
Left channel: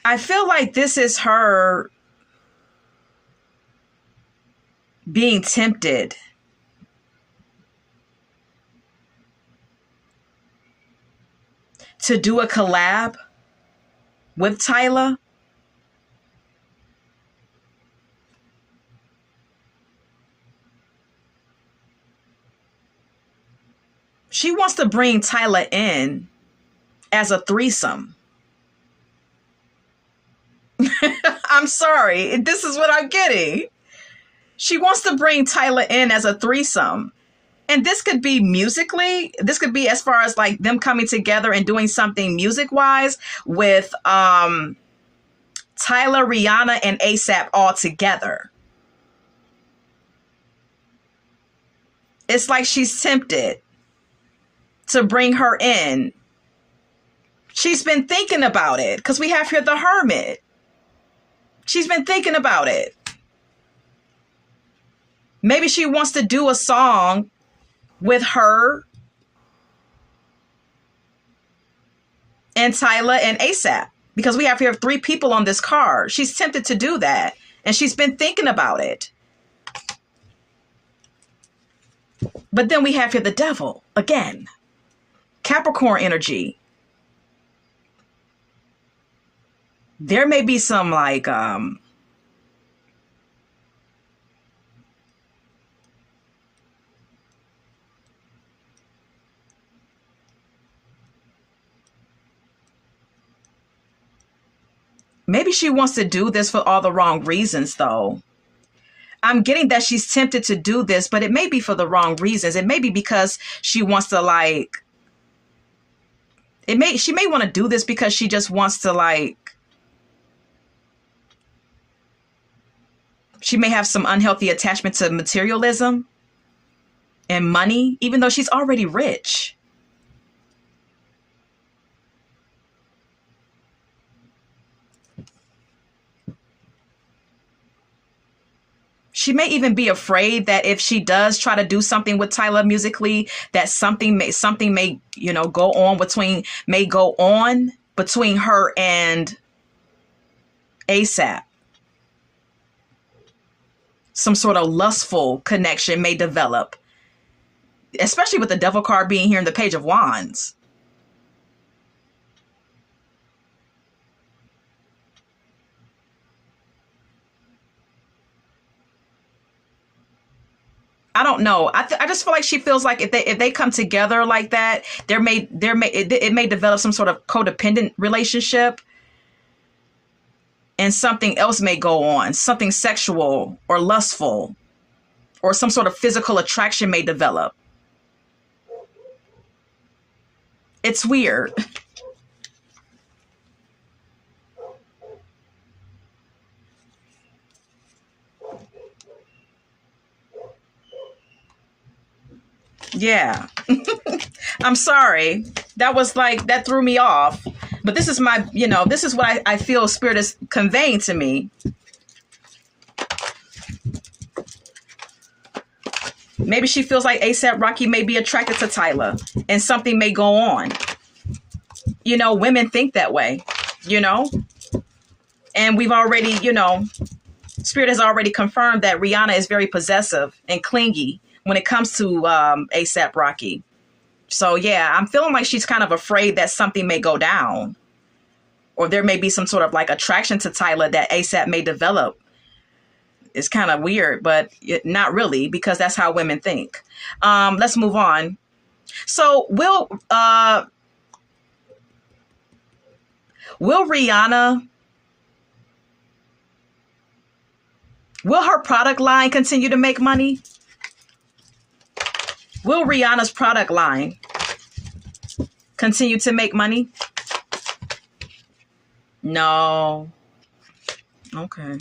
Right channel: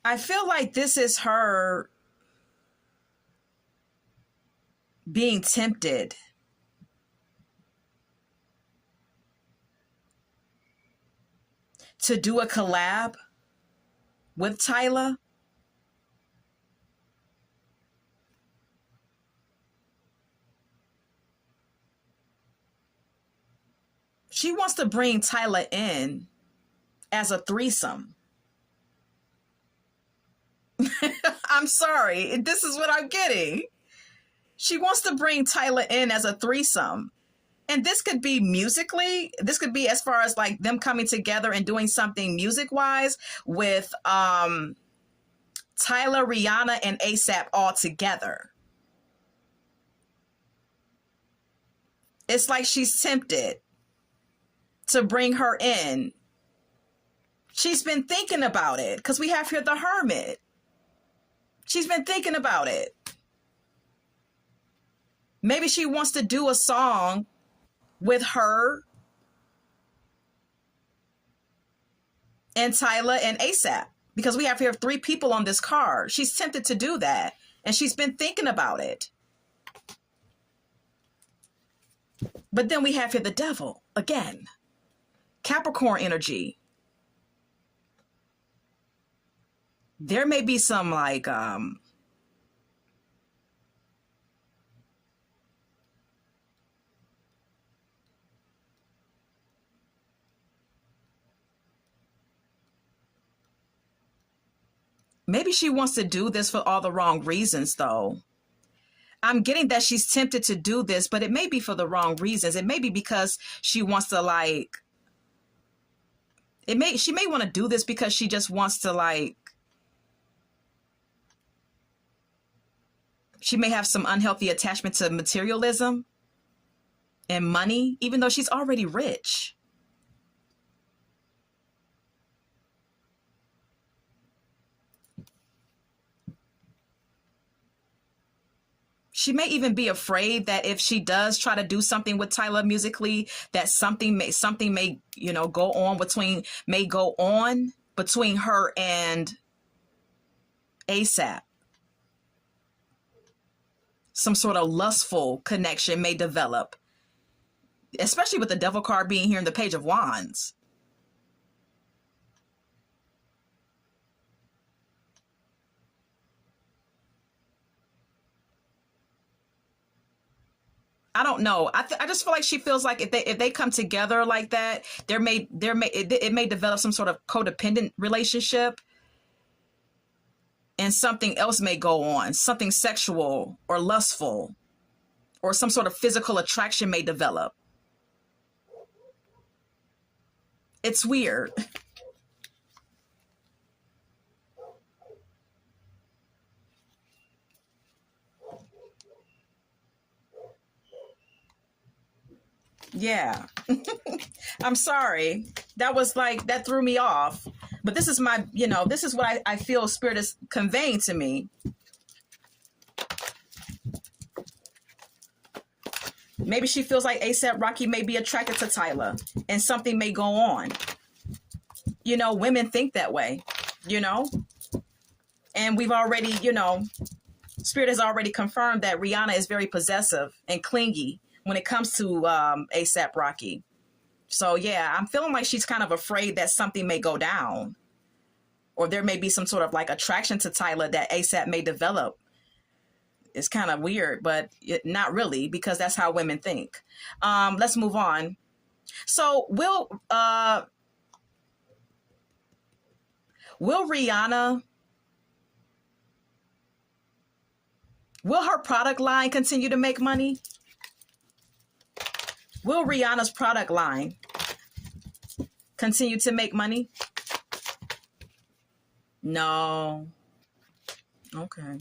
I feel like this is her being tempted to do a collab with Tyler. She wants to bring Tyler in as a threesome. I'm sorry. This is what I'm getting. She wants to bring Tyler in as a threesome. And this could be musically. This could be as far as like them coming together and doing something music-wise with Tyler, Rihanna, and ASAP all together. It's like she's tempted to bring her in. She's been thinking about it because we have here the Hermit. She's been thinking about it. Maybe she wants to do a song with her and Tyler and ASAP because we have here 3 people on this card. She's tempted to do that and she's been thinking about it. But then we have here the devil again. Capricorn energy. There may be some like maybe she wants to do this for all the wrong reasons though. I'm getting that she's tempted to do this, but it may be for the wrong reasons. It may be because she wants to like she may want to do this because she just wants to like she may have some unhealthy attachment to materialism and money, even though she's already rich. She may even be afraid that if she does try to do something with Tyler musically, that something may go on between her and ASAP. Some sort of lustful connection may develop. especially with the devil card being here in the Page of Wands. I don't know. I just feel like she feels like if they come together like that, it may develop some sort of codependent relationship, and something else may go on, something sexual or lustful, or some sort of physical attraction may develop. It's weird. Yeah. I'm sorry. That threw me off. But this is this is what I feel Spirit is conveying to me. Maybe she feels like ASAP Rocky may be attracted to Tyler and something may go on. Women think that way, and we've already, Spirit has already confirmed that Rihanna is very possessive and clingy when it comes to ASAP Rocky. So yeah, I'm feeling like she's kind of afraid that something may go down, or there may be some sort of like attraction to Tyler that ASAP may develop. It's kind of weird, but not really, because that's how women think. Let's move on. So will Rihanna, will her product line continue to make money? Will Rihanna's product line continue to make money? No. Okay.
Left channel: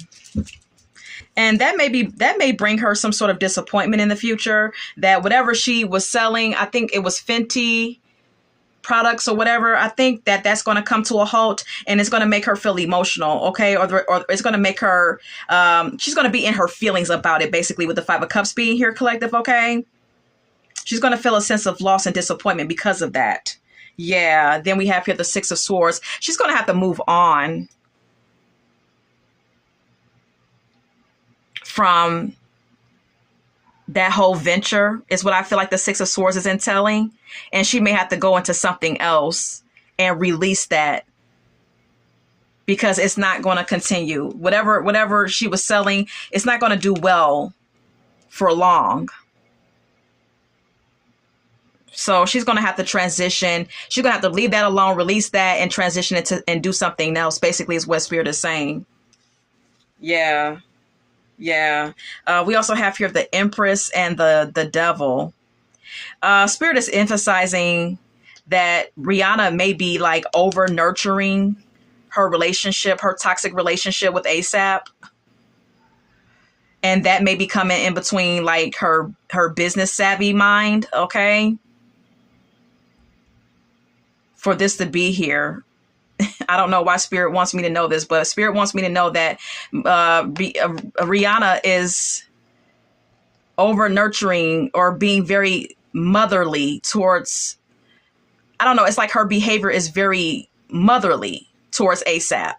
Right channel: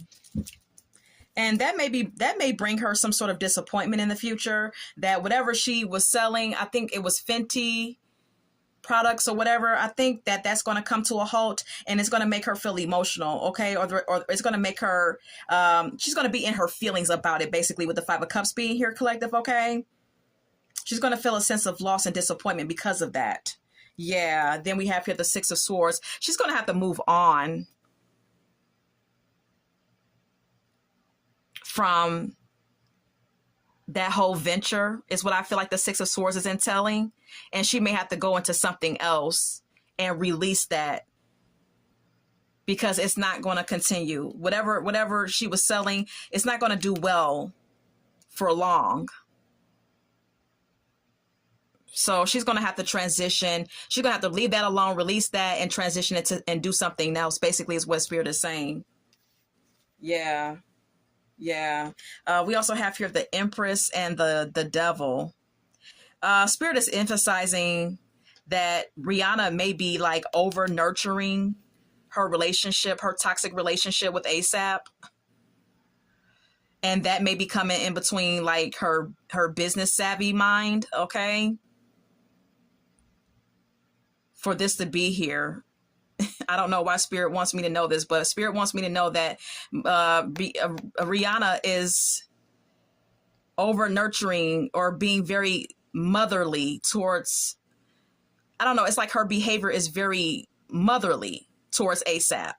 And that may bring her some sort of disappointment in the future, that whatever she was selling, I think it was Fenty products or whatever, I think that's going to come to a halt, and it's going to make her feel emotional, okay? Or it's going to make her, she's going to be in her feelings about it, basically, with the Five of Cups being here, collective, okay? She's going to feel a sense of loss and disappointment because of that. Yeah, then we have here the Six of Swords. She's going to have to move on from that whole venture, is what I feel like the Six of Swords is entailing. And she may have to go into something else and release that, because it's not going to continue. Whatever she was selling, it's not going to do well for long. So she's going to have to transition. She's going to have to leave that alone, release that, and transition it and do something else, basically, is what Spirit is saying. Yeah. Yeah. We also have here the Empress and the Devil. Spirit is emphasizing that Rihanna may be like over nurturing her toxic relationship with ASAP. And that may be coming in between like her business savvy mind, okay? For this to be here. I don't know why Spirit wants me to know this, but Spirit wants me to know that Rihanna is over nurturing or being very motherly towards, I don't know, it's like her behavior is very motherly towards ASAP.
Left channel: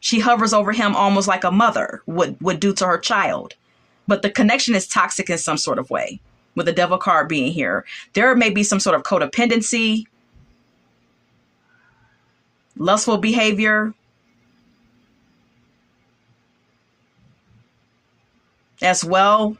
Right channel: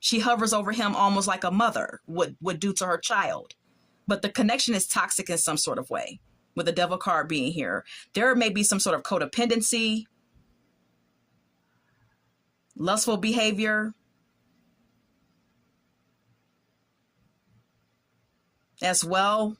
She hovers over him almost like a mother would do to her child. But the connection is toxic in some sort of way, with the Devil card being here. There may be some sort of codependency, lustful behavior as well.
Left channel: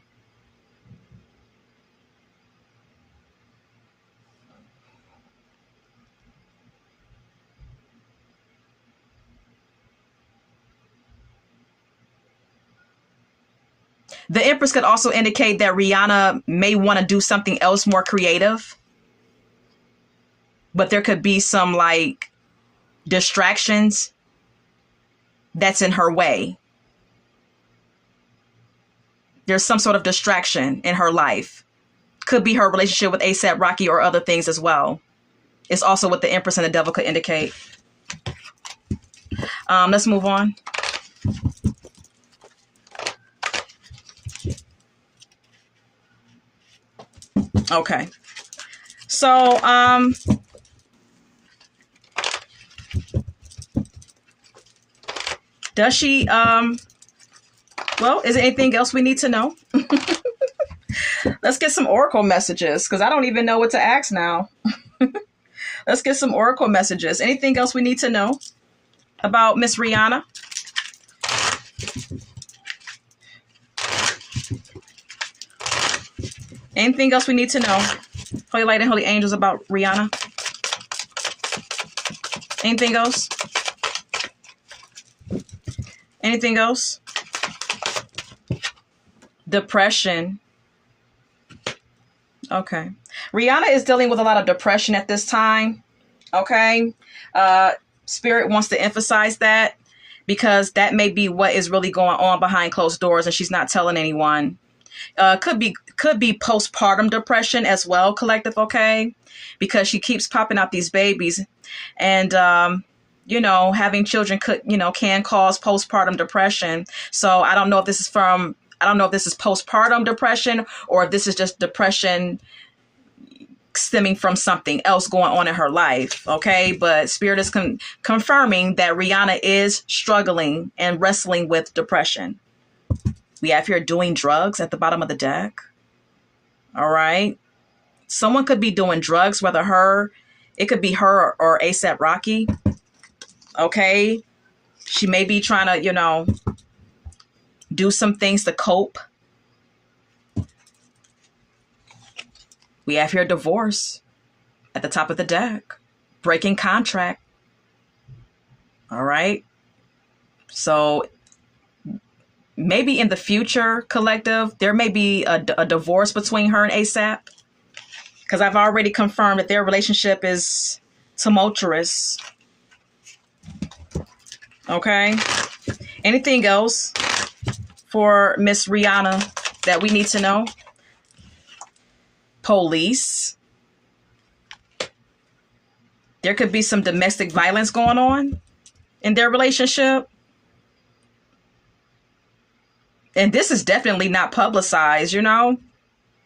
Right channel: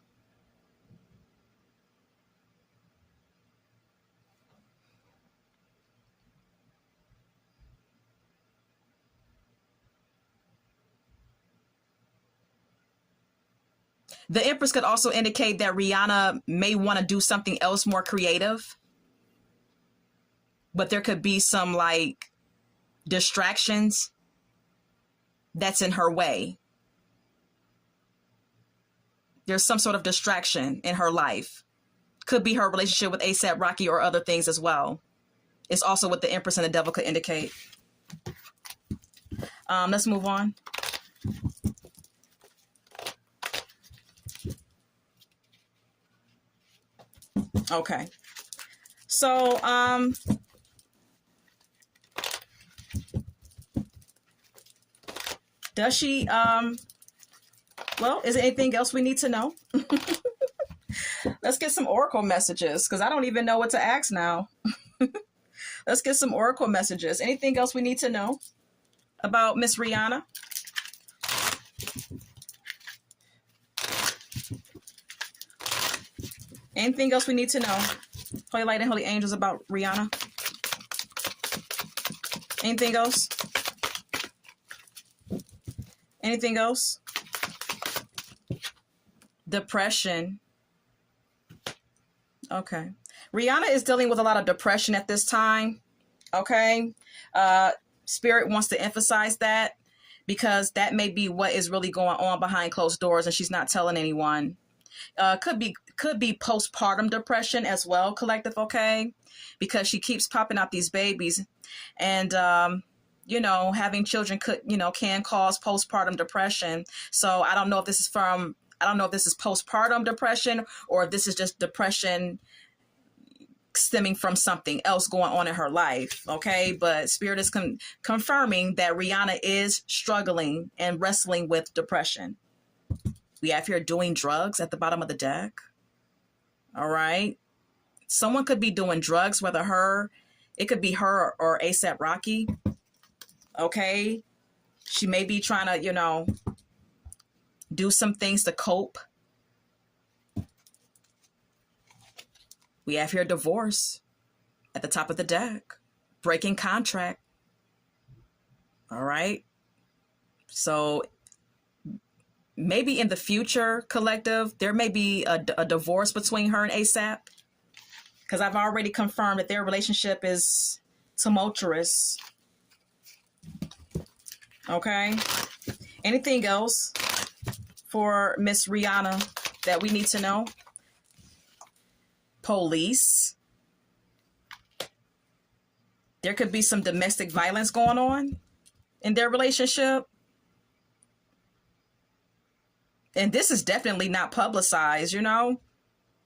The Empress could also indicate that Rihanna may want to do something else more creative, but there could be some like distractions that's in her way. There's some sort of distraction in her life. Could be her relationship with ASAP Rocky or other things as well. It's also what the Empress and the Devil could indicate. Let's move on. Okay. So, does she, well, is there anything else we need to know? Let's get some oracle messages because I don't even know what to ask now. Let's get some oracle messages. Anything else we need to know about Miss Rihanna? Anything else we need to know? Holy light and holy angels about Rihanna. Anything else? Anything else? Depression. Okay. Rihanna is dealing with a lot of depression at this time. Okay. Spirit wants to emphasize that because that may be what is really going on behind closed doors and she's not telling anyone. Could be postpartum depression as well, collective, okay? Because she keeps popping out these babies and having children can cause postpartum depression. So I don't know if this is postpartum depression or if this is just depression stemming from something else going on in her life, okay? But Spirit is confirming that Rihanna is struggling and wrestling with depression. We have here doing drugs at the bottom of the deck. All right. Someone could be doing drugs, it could be her or A$AP Rocky. Okay. She may be trying to, do some things to cope. We have here divorce at the top of the deck. Breaking contract. All right. So maybe in the future, collective, there may be a divorce between her and A$AP. Because I've already confirmed that their relationship is tumultuous. Okay. Anything else for Miss Rihanna that we need to know? Police. There could be some domestic violence going on in their relationship. And this is definitely not publicized,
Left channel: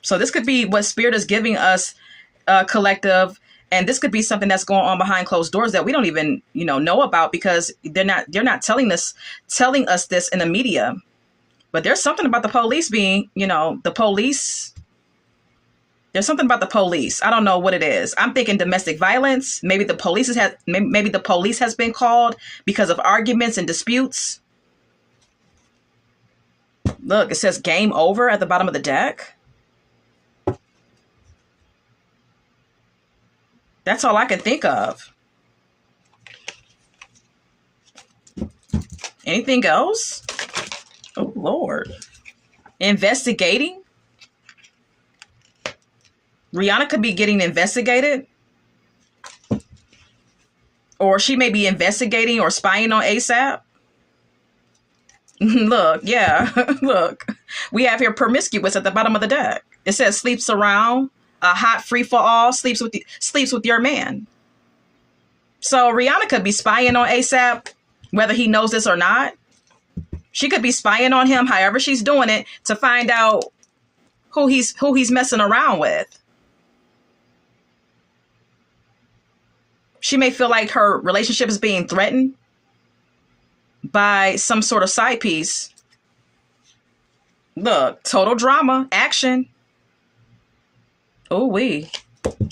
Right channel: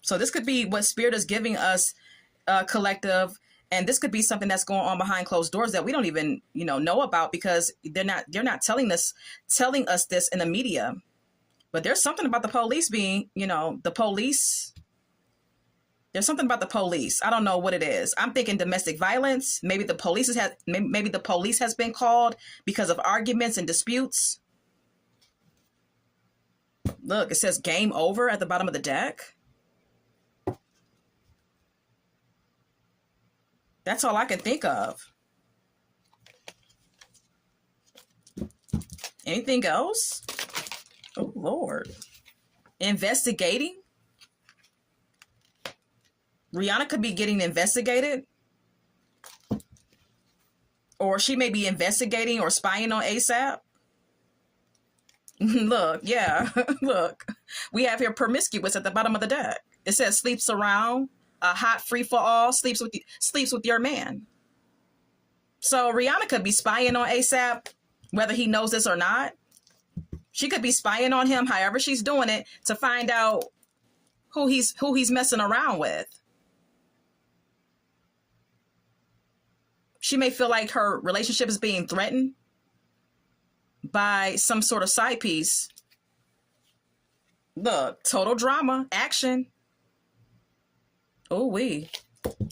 So this could be what Spirit is giving us, collective. And this could be something that's going on behind closed doors that we don't even, know about because they're not telling us this in the media. But there's something about the police being, the police. There's something about the police. I don't know what it is. I'm thinking domestic violence. Maybe the police has been called because of arguments and disputes. Look, it says game over at the bottom of the deck. That's all I can think of. Anything else? Oh, Lord. Investigating? Rihanna could be getting investigated. Or she may be investigating or spying on A$AP. Look, yeah, look. We have here promiscuous at the bottom of the deck. It says sleeps around, a hot free for all, sleeps with your man. So Rihanna could be spying on A$AP, whether he knows this or not. She could be spying on him, however she's doing it, to find out who he's messing around with. She may feel like her relationship is being threatened by some sort of side piece. Look, total drama, action. Oh,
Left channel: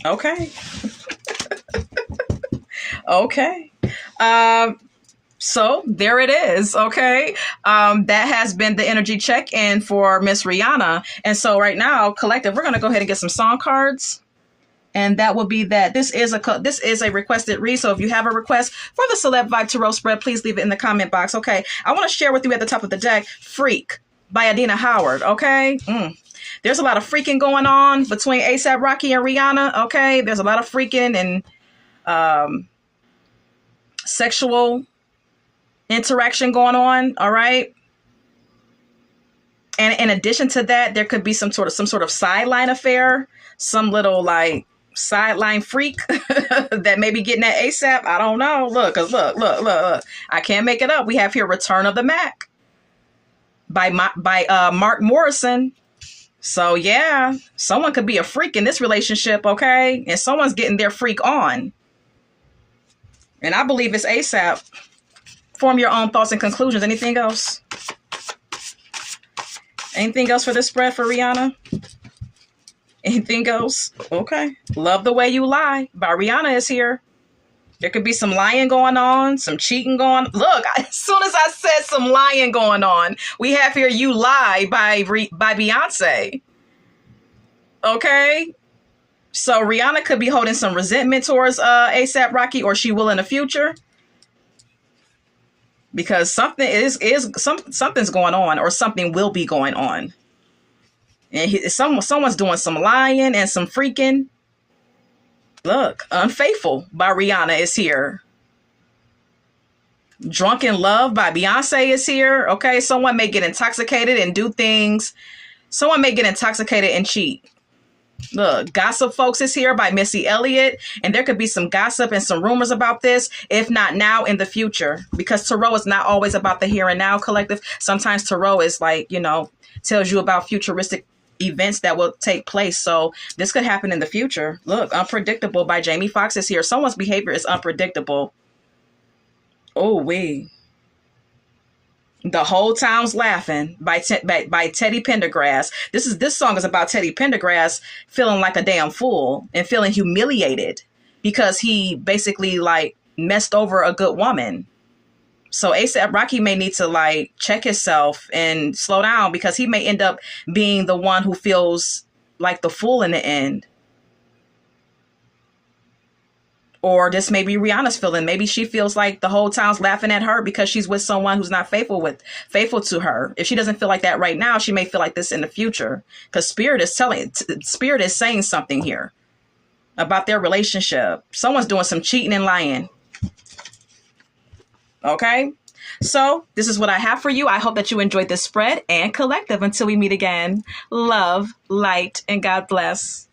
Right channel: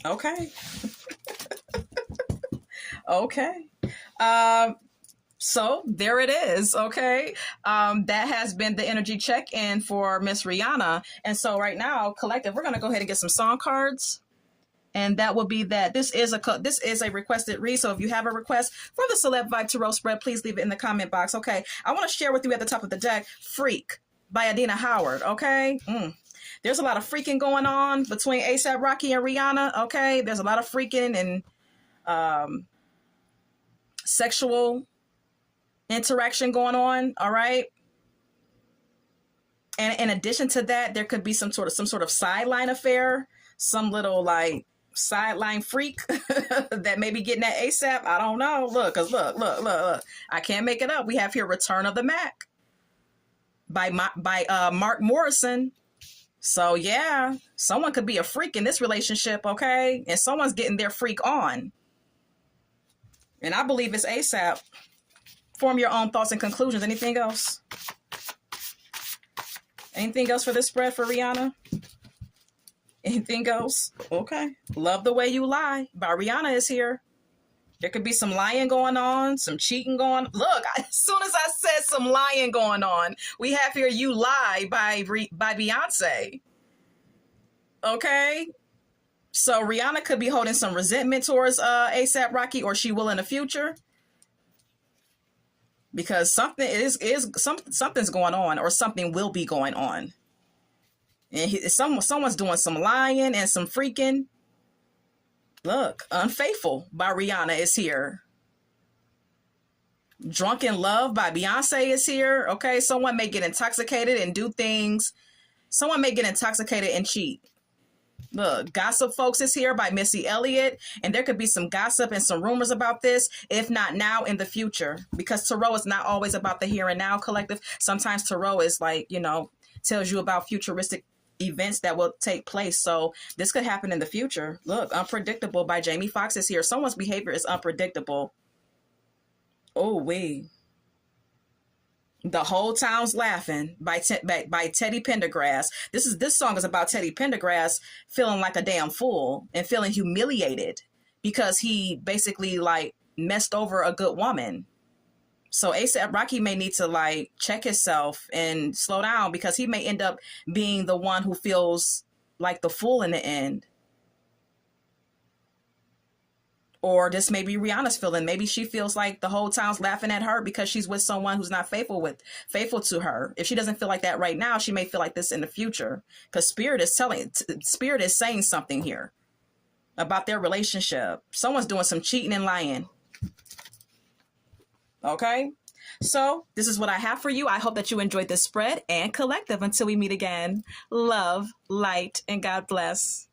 okay. Okay. So there it is. Okay. That has been the energy check-in for Miss Rihanna. And so right now, collective, we're going to go ahead and get some song cards. And that will be that. This is a requested read. So if you have a request for the Celeb Vibe Tarot spread, please leave it in the comment box. Okay. I want to share with you at the top of the deck, Freak by Adina Howard. Okay. There's a lot of freaking going on between A$AP Rocky and Rihanna. Okay. There's a lot of freaking and sexual interaction going on. All right. And in addition to that, there could be some sort of sideline affair, some little like sideline freak that may be getting at A$AP. I don't know. Look. I can't make it up. We have here Return of the Mac by Mark Morrison. So yeah, someone could be a freak in this relationship, okay? And someone's getting their freak on. And I believe it's A$AP. Form your own thoughts and conclusions. Anything else? Anything else for this spread for Rihanna? Anything else? Okay. Love the Way You Lie by Rihanna is here. There could be some lying going on, some cheating going on. Look, as soon as I said some lying going on, we have here You Lie by Beyonce. Okay? So Rihanna could be holding some resentment towards ASAP Rocky, or she will in the future. Because something's going on, or something will be going on. And someone's doing some lying and some freaking. Look, Unfaithful by Rihanna is here. Drunk in Love by Beyonce is here. Okay, someone may get intoxicated and do things. Someone may get intoxicated and cheat. Look, Gossip Folks is here by Missy Elliott. And there could be some gossip and some rumors about this, if not now, in the future. Because tarot is not always about the here and now, collective. Sometimes tarot is like, tells you about futuristic events that will take place. So this could happen in the future. Look, Unpredictable by Jamie Foxx is here. Someone's behavior is unpredictable. Oh, The Whole Town's Laughing by Teddy Pendergrass. This song is about Teddy Pendergrass feeling like a damn fool and feeling humiliated because he basically like messed over a good woman. So ASAP Rocky may need to like check himself and slow down, because he may end up being the one who feels like the fool in the end. Or this may be Rihanna's feeling. Maybe she feels like the whole town's laughing at her because she's with someone who's not faithful to her. If she doesn't feel like that right now, she may feel like this in the future, because Spirit is saying something here about their relationship. Someone's doing some cheating and lying. Okay, so this is what I have for you. I hope that you enjoyed this spread, and collective, until we meet again. Love, light, and God bless.